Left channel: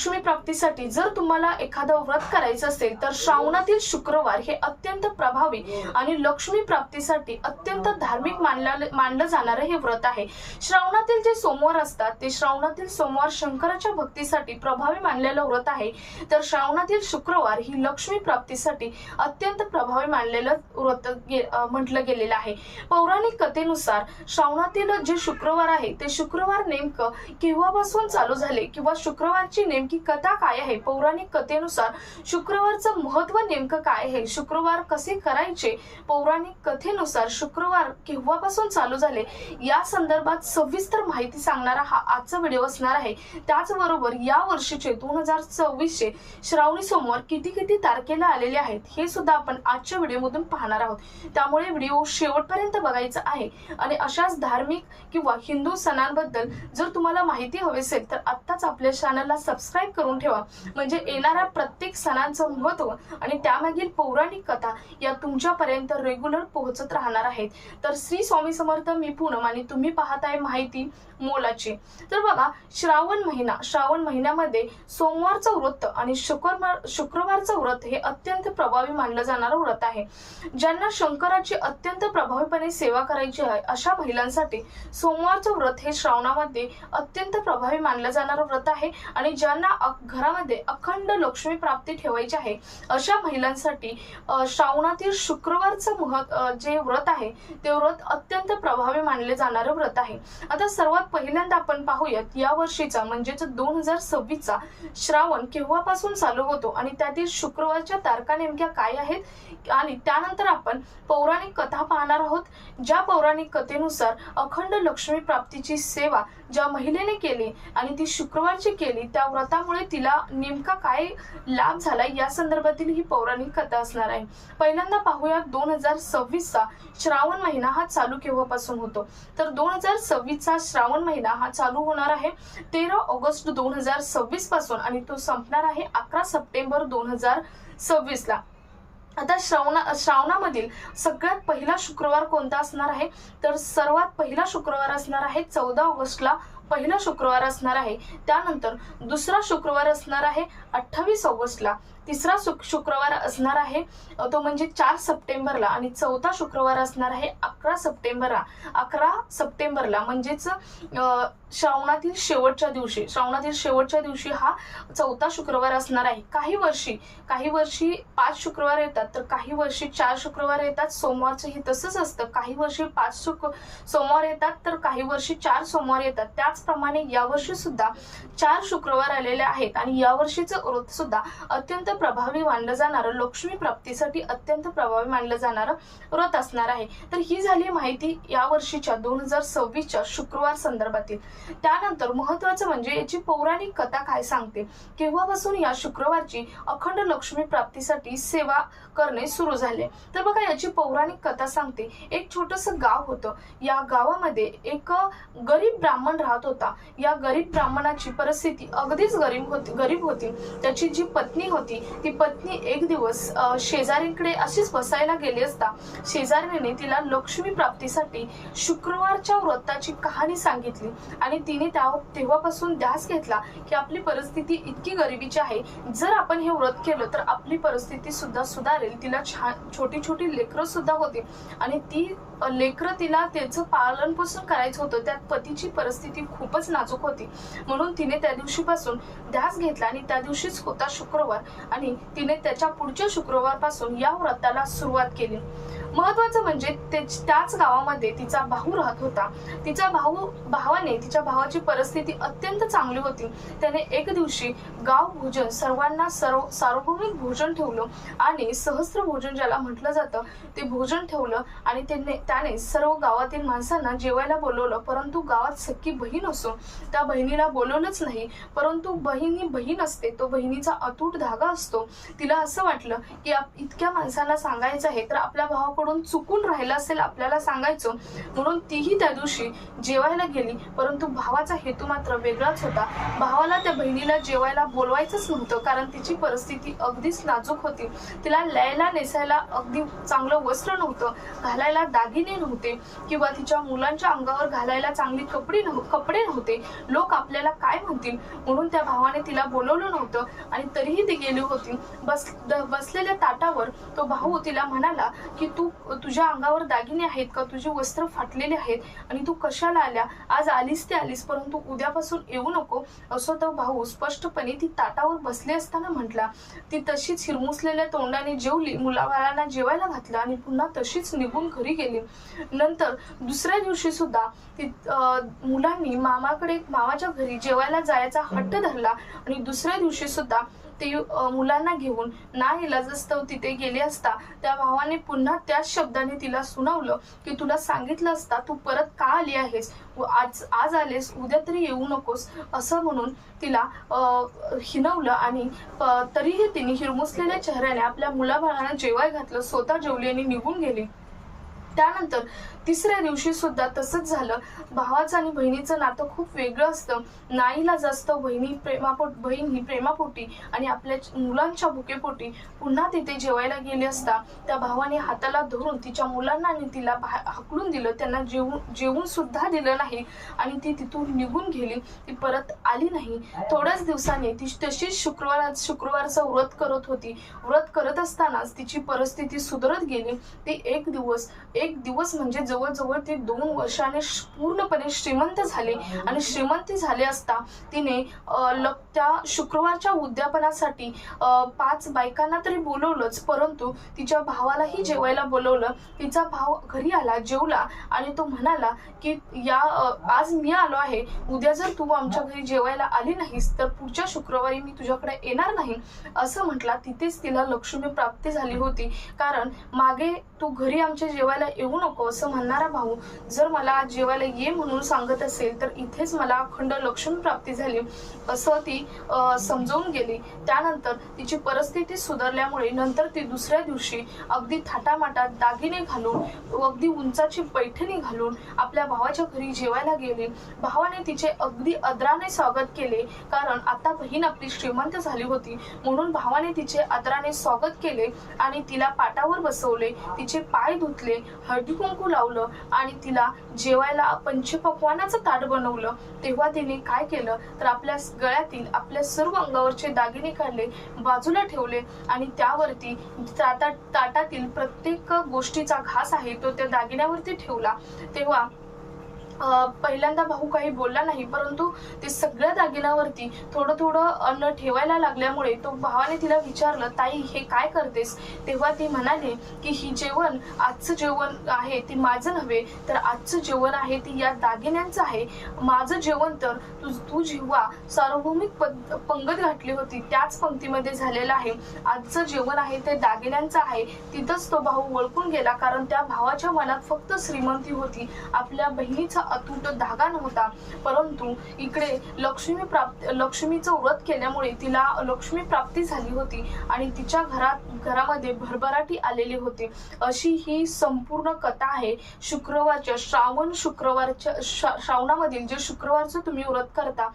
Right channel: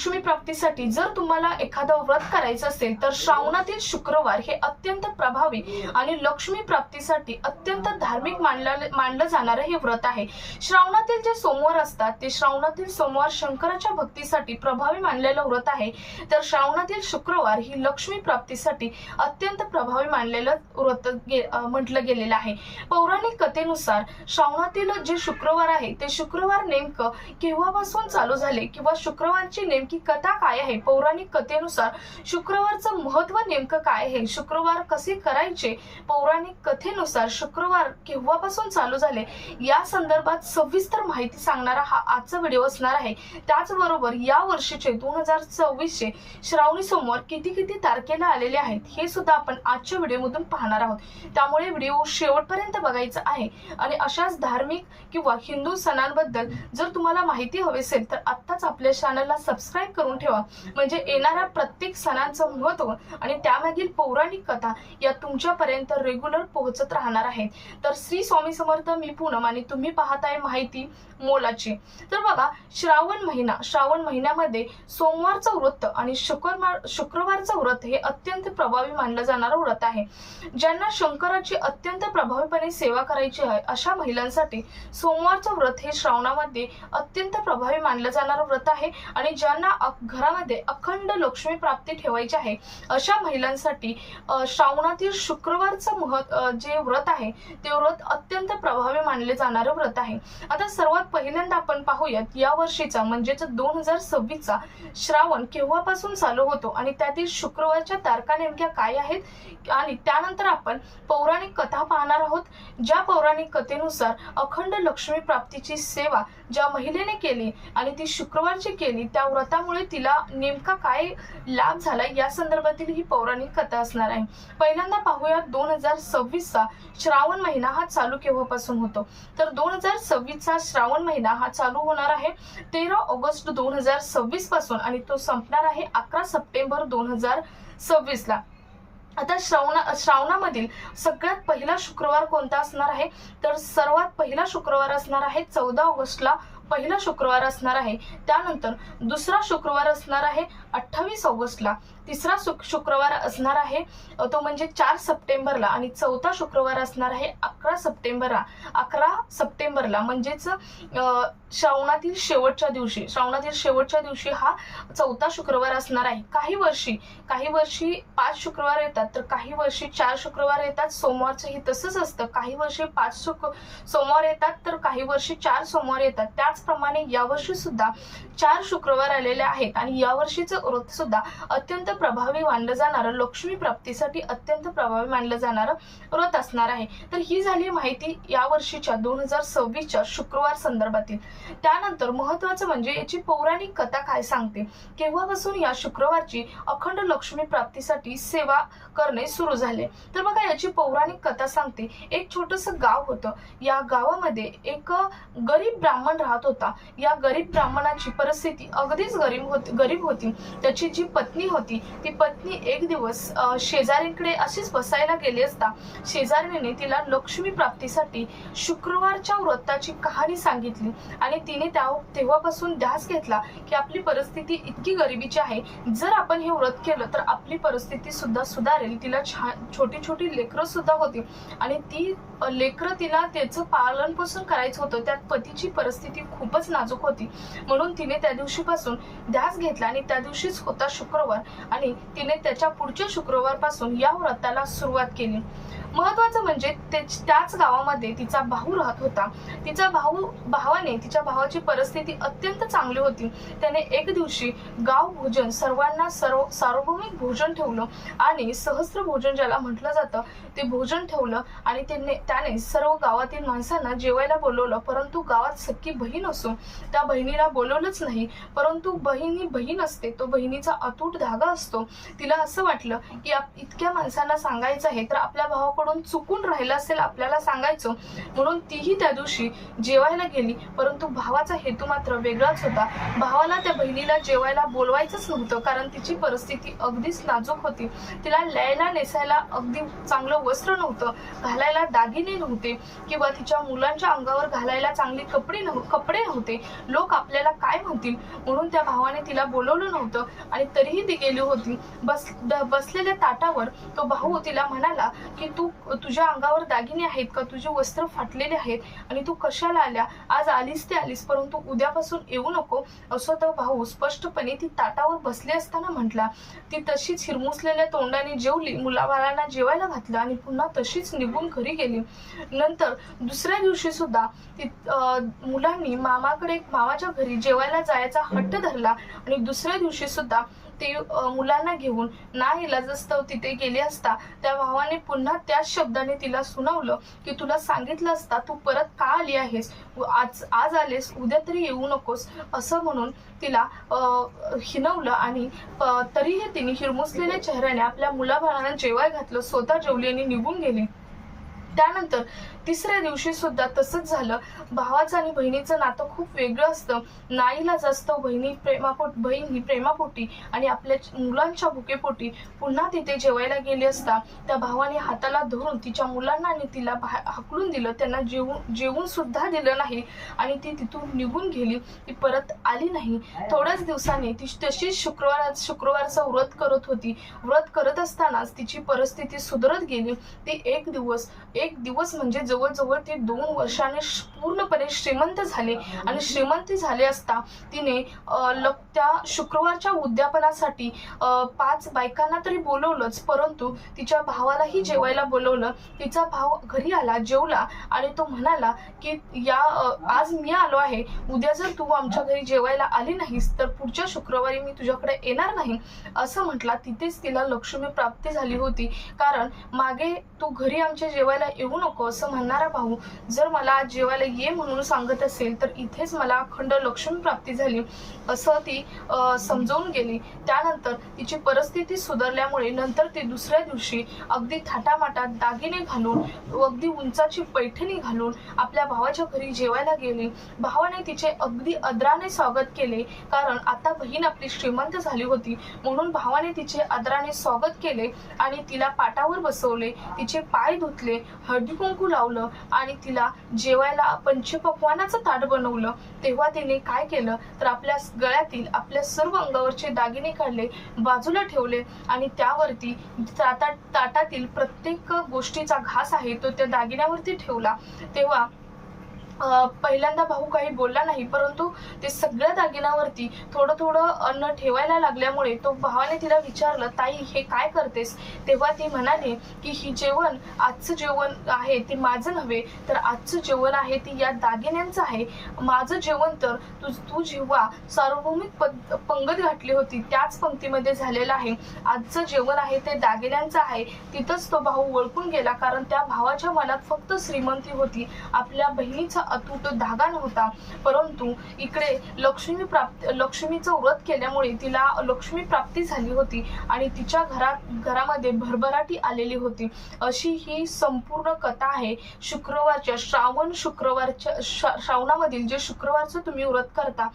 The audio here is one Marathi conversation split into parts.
लक्ष्मी प्राप्तीसाठी जर तुम्हाला एखादं व्रत करायचं असेल तर श्रावणातील शुक्रवार हे अत्यंत प्रभावी आणि लक्ष्मी प्राप्तीसाठी अत्यंत धार्मिक मानलं जाणारं हे व्रत आहे। श्रावणातील जे सोमवार असतात ते श्रावणातील सोमवार शंकराच्या भक्तीसाठी प्रभावी मानलेलं व्रत आहे, तर श्रावणातील शुक्रवार ही लक्ष्मी प्राप्तीसाठी अत्यंत प्रभावी मानलेलं व्रत म्हटलं गेलेलं आहे। पौराणिक कथेनुसार श्रावणातील जे शुक्रवार आहे ते शुक्रवार नेमकं केव्हापासून चालू झाले किंवा शुक्रवारची नेमकी कथा काय आहे, पौराणिक कथेनुसार शुक्रवारचं महत्व नेमकं काय आहे, शुक्रवार कसे करायचे, पौराणिक कथेनुसार शुक्रवार केव्हापासून चालू झाले या संदर्भात सविस्तर माहिती सांगणारा हा आजचा व्हिडिओ असणार आहे। त्याचबरोबर या वर्षीचे 2024 चे श्रावणी सोमवार किती तारखेला आलेले आहेत हे सुद्धा आपण आजच्या व्हिडिओमधून पाहणार आहोत, त्यामुळे व्हिडिओ शेवटपर्यंत बघायचा आहे। आणि अशाच धार्मिक किंवा हिंदू सणांबद्दल जर तुम्हाला माहिती हवी असेल तर आत्ताच आपल्या चॅनलला सबस्क्राईब करून ठेवा, म्हणजे येणाऱ्या प्रत्येक सणांचं महत्त्व आणि त्यामागील पौराणिक कथा या तुमच्यापर्यंत रेग्युलर पोहोचत राहणार आहेत। तर श्री स्वामी समर्थ, मी पूनम आणि तुम्ही पाहताय माहिती मोलाची। तर बघा, श्रावण महिन्यामध्ये सोमवारचं व्रत आणि शुक्रवारचं व्रत हे अत्यंत प्रभावी मानलं जाणारं व्रत आहे। ज्यांना शंकराची अत्यंत प्रभावीपणे सेवा करायची आहे अशा महिलांसाठी सोमवारचं व्रत हे श्रावणामध्ये अत्यंत प्रभावी मानलं जाणारं व्रत आहे। आणि ज्यांना घरामध्ये अखंड लक्ष्मी प्राप्ती ठेवायची आहे अशा महिलांसाठी श्रावणातील शुक्रवारचं जे व्रत आहे ते व्रत अत्यंत प्रभावी मानले जाणारं व्रत आहे। आता सर्वात पहिल्यांदा आपण पाहूयात या वर्षीचा म्हणजेच 2026 चा श्रावण केव्हापासून चालू होतो आणि त्यातील शुक्रवारच्या तारखा नेमक्या काय आहेत, आणि त्यानंतर आपण पौराणिक कथा पाहणार आहोत। ज्या पौराणिक कथेनुसार अखंड लक्ष्मी प्राप्तीची सेवा ज्या महिलेने केली आणि ती शुक्रवारची केली त्या व्रतामुळे तिला नेमका काय लाभ झाला या संदर्भातील ही पौराणिक कथा असणार आहे। पहिल्यांदा पाहूया 2026 चा श्रावण महिना हा चालू केव्हापासून होतो, तर 2026 चा श्रावण महिना हा चालू होणार आहे 13 ऑगस्ट 2026 पासून आणि तो संपणार आहे 11 सप्टेंबर 2026 ला। आता श्रावणामधील सगळ्यात पहिला शुक्रवार कोणता असणार आहे, तर सर्वात पहिला शुक्रवार असणार आहे 14 ऑगस्टला पहिला शुक्रवार असणार आहे। त्यानंतर दुसरा शुक्रवार असणार आहे 28 ऑगस्टला, तिसरा शुक्रवार असणार आहे तो म्हणजे 4 सप्टेंबरला आणि चौथा शुक्रवार असणार आहे 11 सप्टेंबरला म्हणजेच श्रावणातील शेवटच्या दिवशी हा चौथा शुक्रवार असणार आहे। काही वर्षी 5 शुक्रवार येतात तर काही वर्षी 4 शुक्रवार येतात। सोमवारचंही तसंच असतं, काही वर्षी 5 सोमवार येतात तर काही वर्षी 4 सोमवार येतात। त्याचप्रमाणे यावर्षी सुद्धा 4 शुक्रवार आलेले आहेत आणि यावर्षीचं व्रत सुद्धा अत्यंत प्रभावी मानलं जाणारं, लक्ष्मी प्राप्तीसाठी अत्यंत प्रभावी मानलं जाणारं व्रत असणार आहे। तर ही झाली माहिती या वर्षीच्या 2026 च्या शुक्रवार संदर्भातील। त्यानंतर महत्वाचं म्हणजे याची पौराणिक कथा काय सांगते, केव्हापासून या शुक्रवारची अखंड लक्ष्मी प्राप्तीसाठी सेवा करणे सुरू झाले। तर बघा, याची पौराणिक कथा सांगते, एक छोटंसं गाव होतं, या गावामध्ये एक गरीब ब्राह्मण राहत होता। या गरीब ब्राह्मणाची परिस्थिती अगदीच गरीब होती। त्याची जी पत्नी होती ती पत्नी एक दिवस शेजारीकडे अशीच बसायला गेली असता शेजारीने तिला लक्ष्मी प्राप्तीसाठी शुक्रवारच्या व्रताची कहाणी सांगितली आणि तिने तेव्हापासून ध्यास घेतला की आपली परिस्थिती इतकी गरिबीची आहे, जर आपण हे व्रत केलं तर आपली परिस्थिती सुद्धा सुधारेल। तिला छोटी लेकरं सुद्धा होती आणि ती लेकरं तिला त्याचं पालन पोषण करायचं होतं, त्यात पतीची परिस्थिती खूपच नाजूक होती, म्हणून तिने त्या दिवशीपासून ध्यास घेतला आणि त्या दिवशीच होता शुक्रवार आणि तिने त्याच्या पुढच्या शुक्रवारपासून या व्रताला सुरुवात केली। महत्वाचं म्हणजे त्याच गावामध्ये तिचा भाऊ राहत होता। तिच्या भावाची परिस्थिती अत्यंत चांगली होती। त्याने एक दिवशी गाव भोजन सर्वांना सार्वभौमिक भोजन ठेवलं आणि सहस्त्र भोजन ज्याला म्हटलं जातं ते भोजन ठेवलं आणि त्याने सर्व गावातील माणसांना जेवायला बोलवलं, परंतु गावात सख्खी बहीण असून त्या बहिणीला बोलवलंच नाही। परंतु बहीण असते, तो बहिणीचा अतूट धागा असतो। तिला असं वाटलं की इतक्या माणसांना सांगायचं आहे तर आपल्या भावाकडून चुकून राहिलं असेल आपल्याला सांगायचं, म्हणून तीही त्या दिवशी जेवायला गेली, परंतु भावाचा हेतू मात्र वेगळाच होता। भावाला त्या बहिणीला जेवायला बोलवायचंच नव्हतं, कारण तिची परिस्थिती अगदीच नाजूक होती। तिला ल्यायला नेसायला अगदी चांगलं वस्त्र नव्हतं, घालायला दागिने नव्हते किंवा तिच्या मुलांच्या अंगावर घालायला चांगली कपडे कपडे होते, लोक आपल्याला काय म्हणतील म्हणून त्या भावाने तिला बोलवलं नव्हतं आणि तरीही ती गेली होती. बसलेल्या ताटावर तो भाऊ तिला म्हणाला की तुझ्या अंगावर दागिने आहेत का, तुझे वस्त्र फाटलेले आहेत आणि तू कशाला आल्या, आज आलीस ते आलीस परंतु उद्यापासून येऊ नको, असं तो भाऊ स्पष्टपणे ती ताटावर बसले असताना म्हटला. ती तशीच हिरमुसलेल्या तोंडाने जेवली, मुलाबाळांना जेवायला घातलं आणि पुन्हा तशीच निघून घरी गेली. नंतर दुसऱ्या दिवशी सुद्धा मुलांनी मामाच्या घरी जेवायला जायचा हट्ट धरला आणि दुसऱ्या दिवशी सुद्धा ते मुलांना घेऊन नाईलाजास्तव तिथे गेले असता त्या भावाने पुन्हा त्याच शब्दाने तिला सुनावलं की तुला सांगितलं असता तू परत का आली आहेस, आज आलेस उद्या तरी येऊ नकोस, असं म्हणून तिला हिणवलं आणि तरीही तिने हिरमुसलेल्या चेहऱ्याने आपल्या मुलाबाळांना जेवाय घातलं, स्वतः जेवली आणि निघून गेली. त्यानंतर तिसऱ्या दिवशी सुद्धा तसंच झालं. भावाचं आणि बहिणीचं नातं खूप वेगळं असतं. नाईलाजास्तव बहीण ही प्रेमापोटी आणि आपल्या मुलांच्या भुकेपोटी पुन्हा तिथे जेवायला गेली असता त्या भावाने हाताला धरून तिच्या मुलांना आणि तिला हाकलून दिलं, त्यांना जेवून सुद्धा दिलं नाही आणि ती तिथून निघून गेली. ती परत आली नाही. थोड्याच दिवसांनी ती तशीच शुक्रवारचं व्रत करत होती. व्रत करत असतानाच तिची परिस्थिती सुधरत गेली. ती एक दिवस म्हणजे जवळजवळ ते 2 वर्षाने पूर्णपणे श्रीमंत झाले आणि श्रीमंत झाले असता तिने त्या शुक्रवारच्या उद्यापनासाठी 5 बायकांना तरी बोलवलंच, परंतु तिच्या भावालाही जेवायला बोलवलं. तिचा भाव घरी आला, जेवला आणि तो म्हणाला की आज मी आलो आहे, उद्या जर तू आमच्या घरी जेवायला आली नाहीस तर पुढच्या शुक्रवारी मी तुझ्याकडे येणार नाही, असं म्हटला. तिथेच तिला लक्ष्मी प्राप्ती झाली होती. कारण मागे तू घरी आमच्या जेवायला येऊ नको असं म्हणणारा भाऊ जर मला आज जेवायला ये म्हणून सांगत असेल तर इथेच मला अखंड लक्ष्मी प्राप्ती झाली, असं ती समजून गेली. त्यानंतर तिची परिस्थिती सुधारल्यामुळे नंतर ती दुसऱ्या दिवशी अगदी थाटामाटात दागिने घालून, अगदी उंचाची पैठणी घालून आपल्या भावाच्या घरी जेवायला गेली. भावाने तिचे अगदी आदराने स्वागत केले, कारण आता बहीण आपली श्रीमंत झाली होती म्हणून भावाने तिचे आदराने स्वागत केले आणि तिला पाटावर बसवले, तिचे पाय धुतले, हळदी कुंकू लावलं आणि तिला जेवायला पंचपक्वानाचं ताट बनवलं. तेव्हा तिने काय केलं तर आपल्या गळ्यातील आपल्या सर्व अंगावरचे दागिने काढले, बाजूला ठेवले आणि त्यावरती ताटातील प्रत्येक गोष्टीचा घास आहे तो त्या दागिन्यावरती ठेवला. तेव्हा पहिल्यांदा भाऊ काही बोलला नाही, परंतु ते सगळ्या दागिन्यावरती थोडं थोडं अन्न ठेवायला लागल्यामुळे तो भावाने तिला विचारलं, ताई हे काय करतेस? तेव्हा ती म्हणाली की आजचं जेवण आहे ते माझं नव्हे तर आजचं जेवण आहे ते या दागिन्यांचं आहे. माझं जेवण तर तू जेव्हा सार्वभौमिक पंगत घातली होती त्याच पंक्तीमध्ये झालेलं आहे, आजचं जेवण आहे ते दागिन्यांचं आहे. तिथंच तो भाऊ ओळखून गेला, कारण त्या भावाच्या मनात फक्त श्रीमंती होती, आपल्या बहिणीचा अतूट धागा नव्हता. परंतु इकडे लक्ष्मीचं व्रत केल्यामुळे तिला लक्ष्मी प्राप्ती झाली होती आणि तिच्या घरामध्ये भरभराटी आलेली होती. अशी ही संपूर्ण कथा आहे. श्रावणामधील जे शुक्रवारचं तुम्ही व्रत करता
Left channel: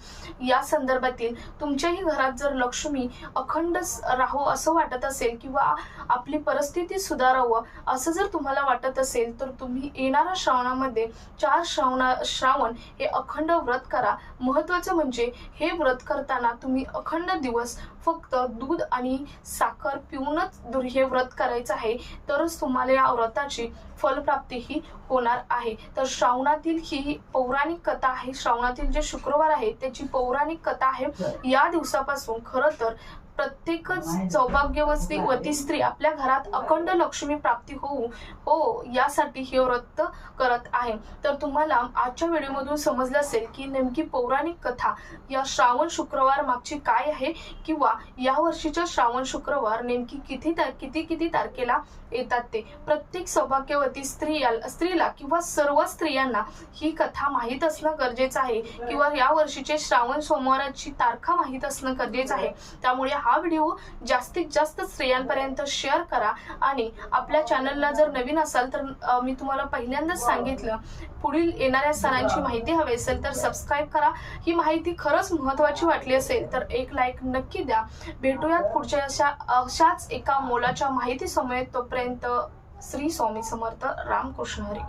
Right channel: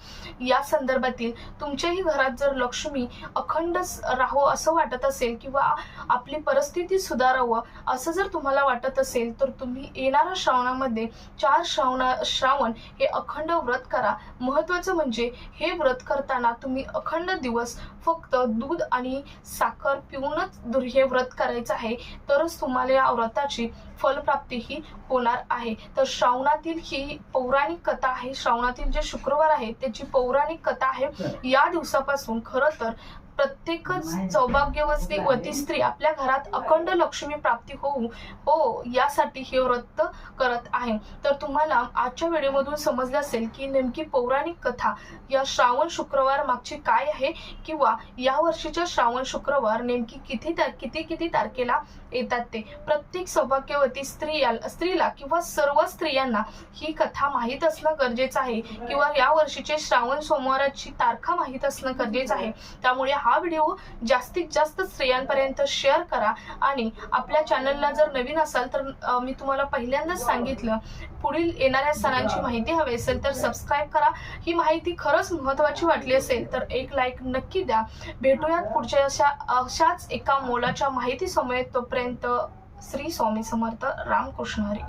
या संदर्भातील तुमच्याही घरात जर लक्ष्मी अखंड राहो असं वाटत असेल किंवा आपली परिस्थिती सुधारावं असं जर तुम्हाला वाटत असेल तर तुम्ही येणाऱ्या श्रावणामध्ये 4 श्रावण हे अखंड व्रत करा. महत्वाचं म्हणजे हे व्रत करताना तुम्ही अखंड दिवस फक्त दूध आणि साखर पिऊनच हे व्रत करायचं आहे, तरच तुम्हाला या व्रताची फलप्राप्ती ही होणार आहे. तर श्रावणातील ही पौराणिक कथा आहे. श्रावणातील जे शुक्रवार आहे त्याची पौराणिक कथा आहे. या दिवसापासून खरं तर प्रत्येक सौभाग्यवती स्त्री आपल्या घरात अखंड लक्ष्मी प्राप्ती हो यासाठी हे व्रत करत आहे. तर तुम्हाला आजच्या व्हिडिओमधून समजलं असेल की नेमकी पौराणिक कथा या श्रावण शुक्रवार मागची काय आहे किंवा या वर्षीच्या श्रावण शुक्रवार नेमकी किती तारखेला येतात ते. प्रत्येक सौभाग्यवती स्त्रीला किंवा सर्व स्त्रियांना ही कथा माहीत असणं गरजेचं आहे किंवा या वर्षीचे श्रावण सोमवाराची तारखा माहीत असणं गरजेचं आहे. त्यामुळे हा व्हिडिओ जास्तीत जास्त स्त्रियांपर्यंत शेअर करा आणि आपल्या चॅनलला जर नवीन असाल तर मी तुम्हाला पहिल्यांदाच सांगितलं, पुढील येणाऱ्या सणांची माहिती हवी असेल तर सबस्क्राईब करा. ही माहिती खरंच महत्त्वाची वाटली असेल तर एक लाईक नक्की द्या. भेटूयात पुढच्या अशाच एका मोलाच्या माहिती समेत. तोपर्यंत श्री स्वामी समर्थ. रामकृष्ण हरी.